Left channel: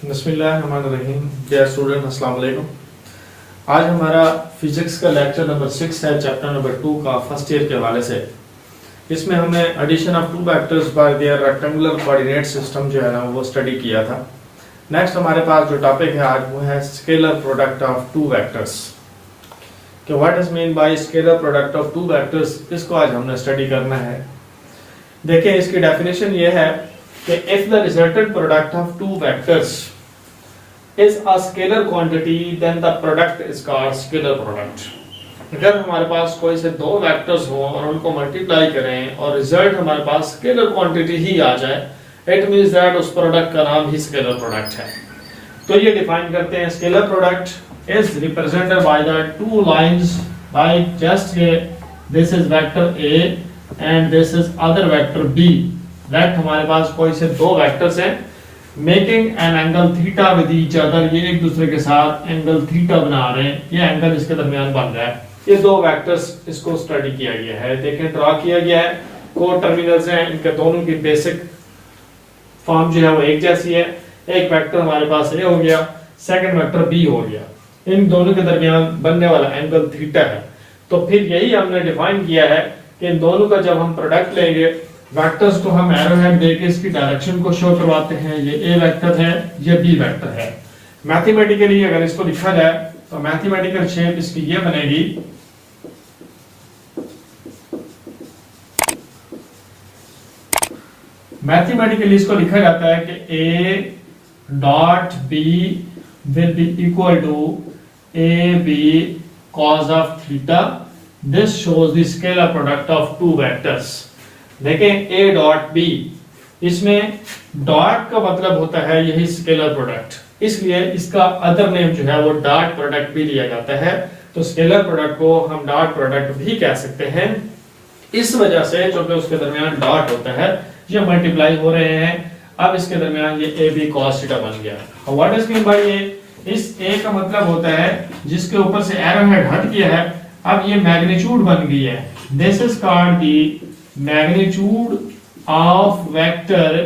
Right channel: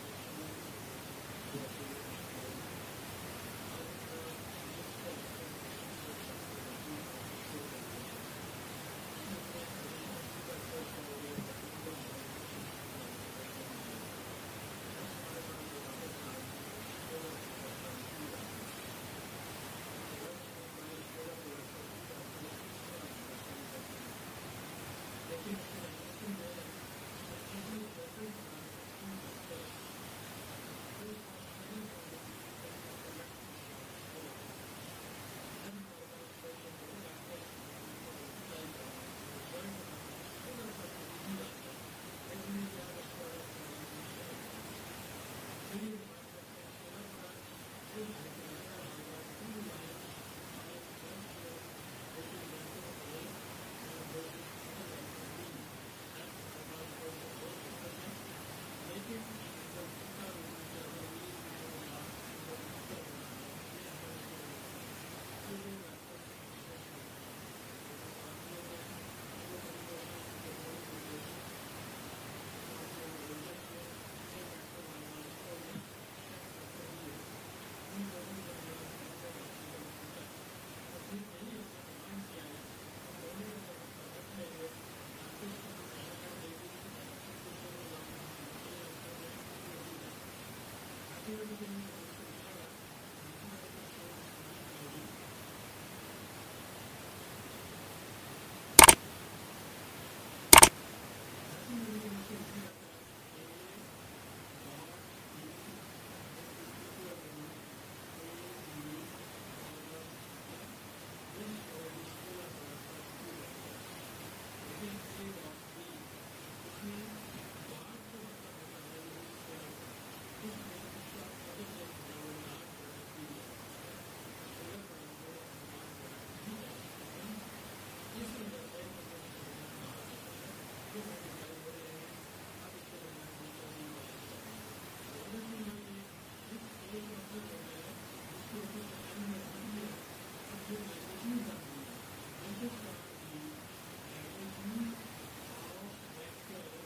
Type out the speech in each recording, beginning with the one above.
बिस्मिल्लाहिर्रहमानिर्रहीम। Dear student, अस्सलाम वालेकुम। आज हमारा फिजिक्स का लेक्चर नंबर 6 है, चैप्टर नंबर 2 का फर्स्ट ईयर के हवाले से। इसमें हमने addition of two vectors by their rectangular coordinate system जो है ना वो स्टडी किया था। नेक्स्ट हमारे पास जो टॉपिक है आज वो है scalar product of two vectors. कि what is mean by scalar product of two vectors, इसको आज हमने स्टडी करना है। देखिए, इसकी डेफिनेशन ये है कि if the resultant product of two vectors is a scalar quantity then the product is called scalar product। अगर हमारे पास कोई से दो वेक्टर्स हो और उनको मल्टीप्लाई करें और रिजल्ट हमारे पास स्केलर क्वांटिटी ही आ जाए, इट मींस दैट उस प्रोडक्ट का नाम ही स्केलर प्रोडक्ट है। तो ये डिफाइन करते हैं, scalar product is represented by the two lines like just this is vector A and this is other vector B. That हमारे पास कोई से दो वेक्टर्स हैं making an angle theta with each other, ये एक दूसरे के साथ एंगल थीटा बना रहे हैं, ये एंगल इसके दरमियान बन रहा है। ये दो वेक्टर्स इसको स्टडी किया गया है, देखें ड्रा किया गया है। को टर्मिनल्स हैं, इनके दोनों की बेसिक फॉर्म जो है वो एक जैसी है। एक वेक्टर हमारे पास ए हो गया, सेकंड वेक्टर बी हो गया, इन दोनों के दरमियान बनने वाला एंगल थीटा है। तो फिर यही हमने डिफाइन किया है कि इन दोनों का जब हम प्रोडक्ट लेंगे, वेक्टर्स को हम एरो हेड देके इसकी डायरेक्शन को शो करवाते हैं। ये ए वेक्टर है, ये बी वेक्टर है। मैथमेटिकली अगर इसको लिखा जाए तो मैथमेटिकल शेप इसकी ये बनेगी, मैथमेटिकली इसको लिखा जाता है कि A dot B will be equal to A B cos of theta. This shows the scalar product of two vectors. देखें a डॉट b, इसमें डॉट का मतलब होता है यही स्केलर प्रोडक्ट, इसलिए इसका अदर नेम जो है वो डॉट प्रोडक्ट भी लिया जाता है। तो स्केलर प्रोडक्ट को हम डॉट प्रोडक्ट भी कह सकते हैं, इस वजह से क्योंकि उसके दरमियान डॉट होता है, ये मल्टीप्लाई हो रहे हैं। अब इसके दरमियान ये a b cos थीटा बन गया। What is mean bye a? इस a का मतलब होता है जिसके ऊपर से एरो हेड हट गया है, अब ये मैग्नीट्यूड बन गई है। This is called the magnitude of vector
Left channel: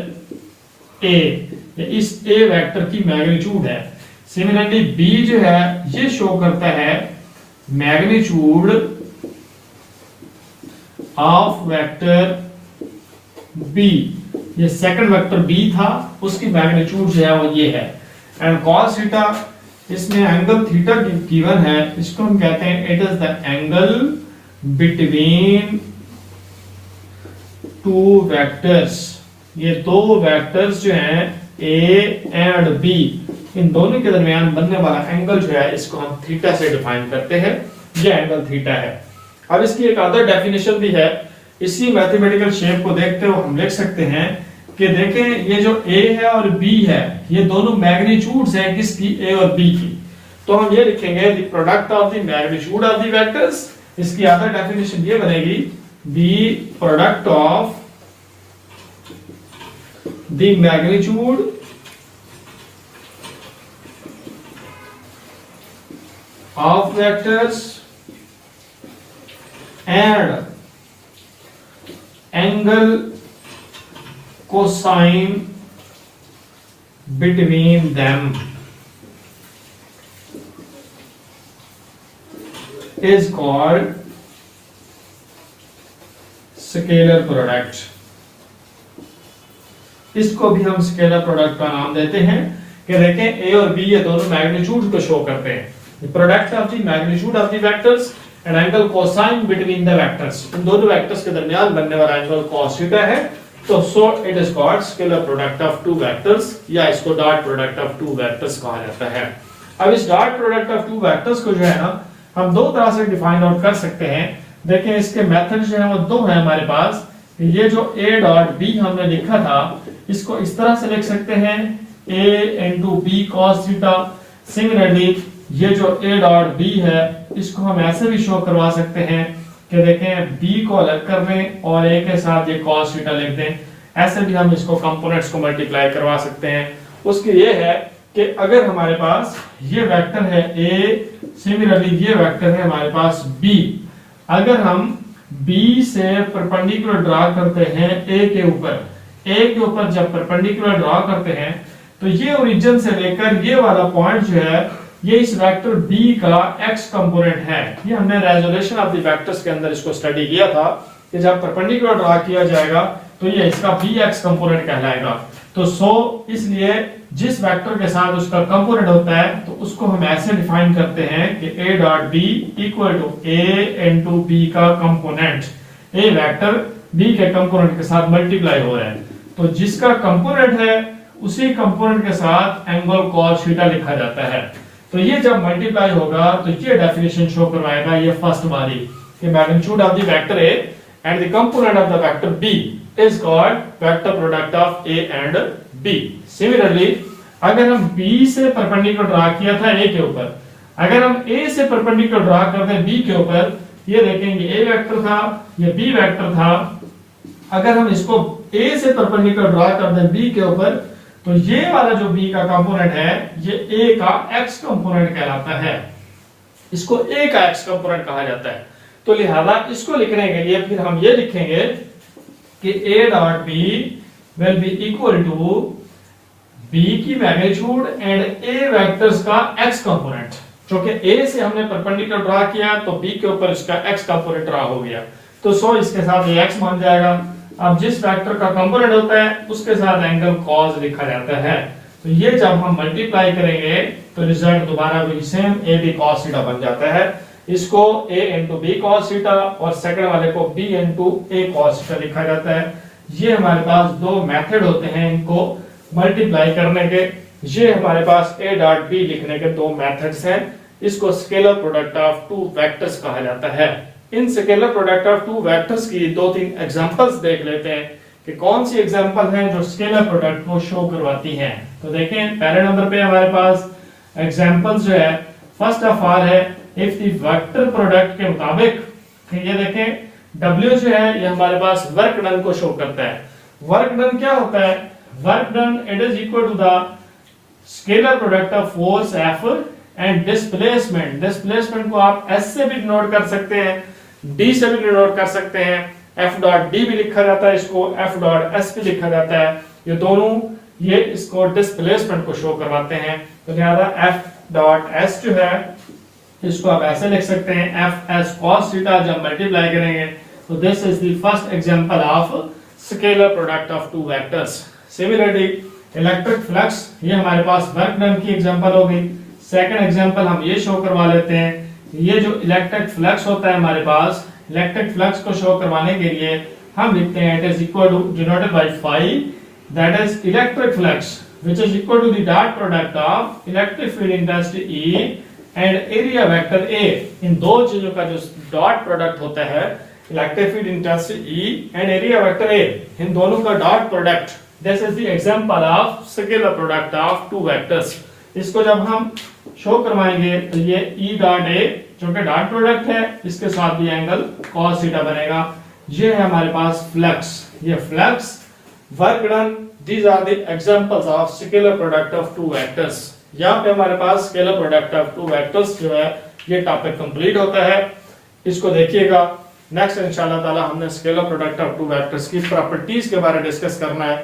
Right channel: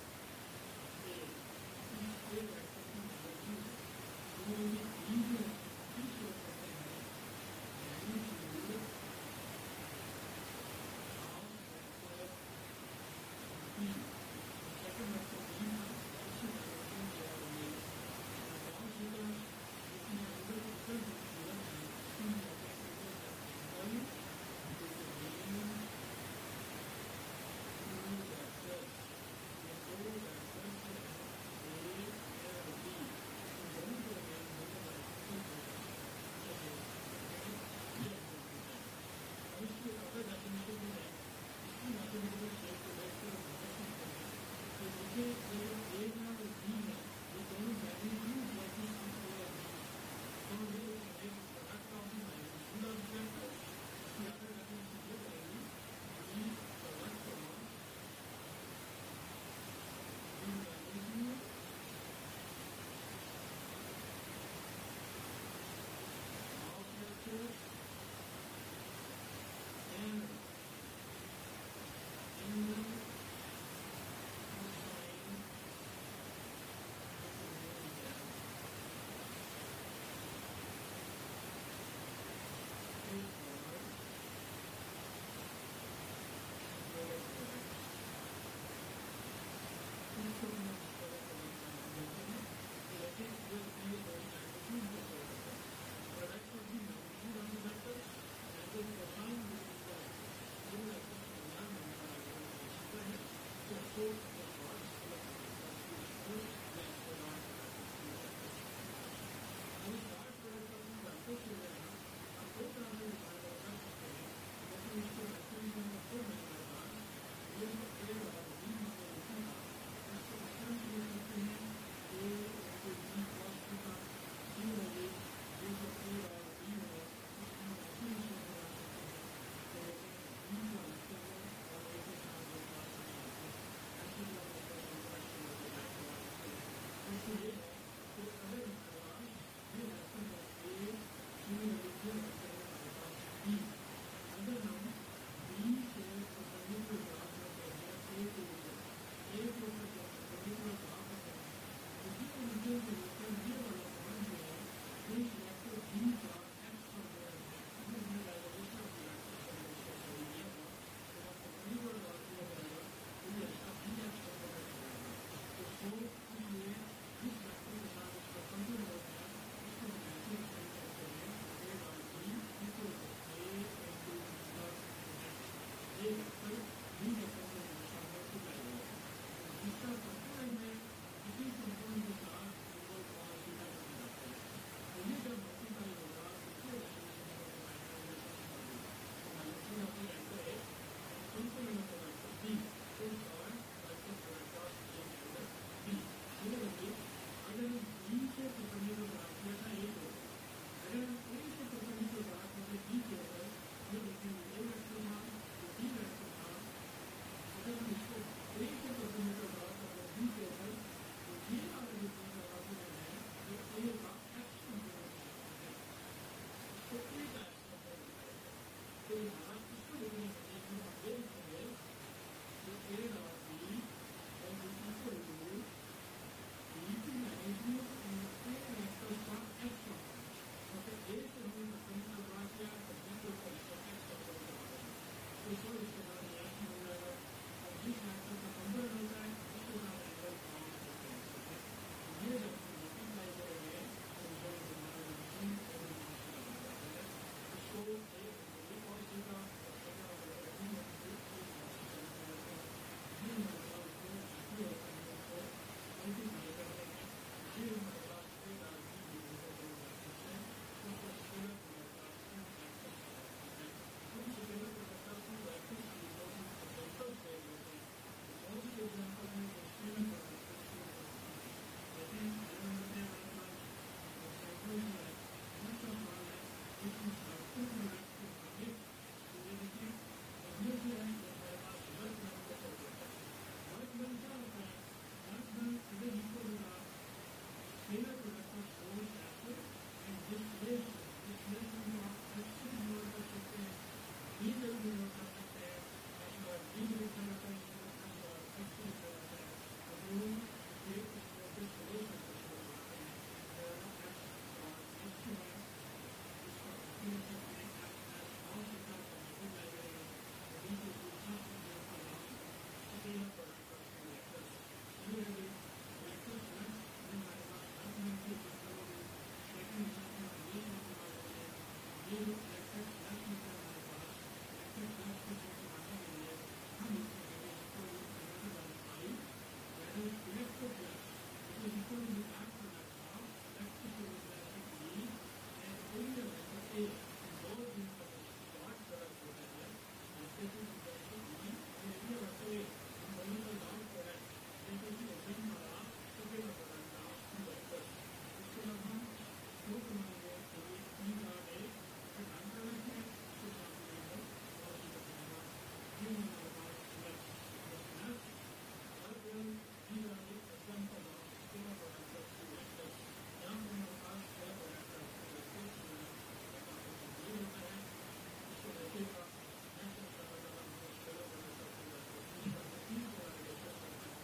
A, इस ए वेक्टर की मैग्नीट्यूड है। सिमिलरली बी जो है ये शो करता है मैग्नीट्यूड ऑफ वेक्टर बी। ये सेकंड वेक्टर बी था, उसकी मैग्नीट्यूड जो है वो ये है। एंड cos थीटा, इसमें एंगल थीटा गिवन है, इसको हम कहते हैं it is the angle between two vectors. ये दो वेक्टर्स जो हैं ए एंड बी, इन दोनों के दरमियान बनने वाला एंगल जो है इसको हम थीटा से डिफाइन करते हैं। ये एंगल थीटा है। अब इसकी एक अदर डेफिनेशन भी है। इसी मैथमेटिकल शेप को देखते हुए हम लिख सकते हैं कि देखें ये जो ए है और बी है, ये दोनों मैग्नीट्यूड्स हैं किसकी, ए और बी की। तो हम ये लिखेंगे the product of the magnitude of the vectors. इसकी अदर डेफिनेशन ये बनेगी the product of the magnitude of vectors and angle cosine between them is called scalar product. इसको भी हम स्केलर प्रोडक्ट का नाम देते हैं कि देखें ए और बी ये दोनों मैग्नीट्यूड को शो करते हैं। Product of the magnitude of the vectors and angle cosine between the vectors, इन दोनों वेक्टर्स के दरमियान बनने वाला एंगल cos थीटा है। तो so it is called scalar product of two vectors, या इसको dot product of two vectors कहा जाता है। अब इस dot product of two vectors को जो है ना हम दो तरह से डिफाइन आउट कर सकते हैं। देखें इसके मेथड जो है वो दो है हमारे पास। ये जो a डॉट b हमने लिखा था, इसको इस तरह से लिख सकते हैं a into B cos theta. Similarly ये जो a डॉट b है, इसको हम ऐसे भी शो करवा सकते हैं कि देखें b को अलग कर दें और a के साथ ये cos थीटा लिख दें। ऐसे भी हम इसको कंपोनेंट्स को मल्टीप्लाई करवा सकते हैं। उसकी ये है कि अगर हमारे पास ये वेक्टर है a, सिमिलरली ये वेक्टर है हमारे पास b, अगर हम B से परपेंडिकुलर ड्रा करते हैं A के ऊपर, A के ऊपर जब परपेंडिकुलर ड्रा करते हैं तो ये ओरिजिन से लेकर ये वाला पॉइंट जो है ये इस वेक्टर बी का एक्स कंपोनेंट है। ये हमने रेजोल्यूशन ऑफ द वेक्टर्स के अंदर इसको स्टडी किया था कि जब परपेंडिकुलर ड्रा किया जाएगा तो ये इसका बी एक्स कंपोनेंट कहलाएगा। तो सो इसलिए जिस वेक्टर के साथ उसका कंपोनेंट होता है तो उसको हम ऐसे डिफाइन करते हैं कि a dot b equal to a into b का कंपोनेंट। a वेक्टर b के कंपोनेंट के साथ मल्टीप्लाई हो रहा है, तो जिसका कंपोनेंट है उसी कंपोनेंट के साथ एंगल cos थीटा लिखा जाता है। तो ये जब मल्टीप्लाई होगा तो ये डेफिनेशन शो करवाएगा ये फर्स्ट वाली कि magnitude of the vector a and the component of the vector b is called vector product of a and b। Similarly, अगर हम b से परपेंडिकुलर ड्रा किया था a के ऊपर, अगर हम a से परपेंडिकुलर ड्रा करते हैं b के ऊपर, ये देखेंगे a वेक्टर था, ये b वेक्टर था। अगर हम इसको a से परपेंडिकुलर ड्रा करते हैं b के ऊपर, तो ये वाला जो b का कंपोनेंट है ये a का x कंपोनेंट कहलाता है। इसको a का x कंपोनेंट कहा जाता है। तो लिहाजा इसको लिखने के लिए फिर हम ये लिखेंगे कि a dot b will be equal to b की मैग्नीट्यूड एंड a वेक्टर्स का x कंपोनेंट। क्योंकि a से हमने परपेंडिकुलर ड्रा किया तो b के ऊपर इसका x कंपोनेंट ड्रा हो गया, तो सो इसके साथ ये x बन जाएगा। अब जिस वेक्टर का कंपोनेंट होता है उसके साथ एंगल cos लिखा जाता है। तो ये जब हम मल्टीप्लाई करेंगे तो रिजल्ट दोबारा वही same a b cos theta बन जाता है। इसको a into B cos theta और सेकंड वाले को b into a cos theta लिखा जाता है। ये हमारे पास दो मेथड होते हैं इनको मल्टीप्लाई करने के। ये हमारे पास a डॉट b लिखने के दो मेथड्स हैं। इसको scalar product of two vectors कहा जाता है। इन scalar product of two vectors की दो तीन एग्जांपल्स देख लेते हैं कि कौन सी एग्जांपल हैं जो स्केलर प्रोडक्ट को शो करवाती हैं। तो देखें पहले नंबर पे हमारे पास एग्जांपल्स जो है फर्स्ट ऑफ ऑल है इफ द वेक्टर प्रोडक्ट के मुताबिक, ये देखें W जो है ये हमारे पास वर्क डन को शो करता है। वर्क डन क्या होता है? Work done it is equal to the scalar product of force F and displacement. Displacement को आप S से भी डिनोट कर सकते हैं, D से भी डिनोट कर सकते हैं, F डॉट D भी लिखा जाता है, इसको F डॉट S भी लिखा जाता है। ये दोनों ये इसको डिस्प्लेसमेंट को शो करवाते हैं। तो लिहाजा F डॉट S जो है इसको आप ऐसे लिख सकते हैं एफ एस cos थीटा। जब मल्टीप्लाई करेंगे तो this is the first example of scalar product of two vectors. Similarly electric flux, ये हमारे पास वर्क डन की एग्जांपल हो गई। सेकंड एग्जांपल हम ये शो करवा लेते हैं, ये जो इलेक्ट्रिक फ्लक्स होता है हमारे पास, इलेक्ट्रिक फ्लक्स को शो करवाने के लिए हम लिखते हैं it is equal to denoted by phi, that is electric flux which is equal to the dot product of electric field intensity E and area vector A। इन दो चीजों का जो डॉट प्रोडक्ट होता है electric field intensity E and area vector A, इन दोनों का dot product, this is the example of scalar product of two vectors. इसको जब हम शो करवाएंगे तो ये E डॉट A जो कि डॉट प्रोडक्ट है इसके साथ भी एंगल cos थीटा बनेगा। ये है हमारे पास फ्लक्स, ये flux, work done, these are the examples of scalar product of two vectors. यहाँ पे हमारे पास scalar product of two vectors जो है ये टॉपिक कंप्लीट होता है। इसको देखिएगा। नेक्स्ट इंशाल्लाह ताला हमने scalar product of two vectors की प्रॉपर्टीज के बारे में डिस्कस करना है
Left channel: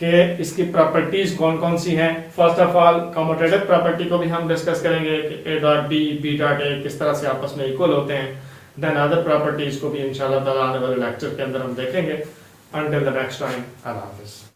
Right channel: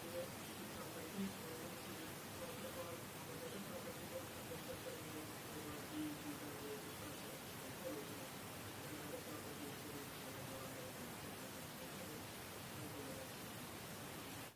कि इसकी प्रॉपर्टीज कौन कौन सी हैं। First of all commutative property को भी हम डिस्कस करेंगे कि a dot b b dot a किस तरह से आपस में इक्वल होते हैं। देन अदर प्रॉपर्टीज को भी इंशाल्लाह ताला आने वाले लेक्चर के अंदर हम देखेंगे। अंटिल द नेक्स्ट टाइम, अल्लाह हाफिज़।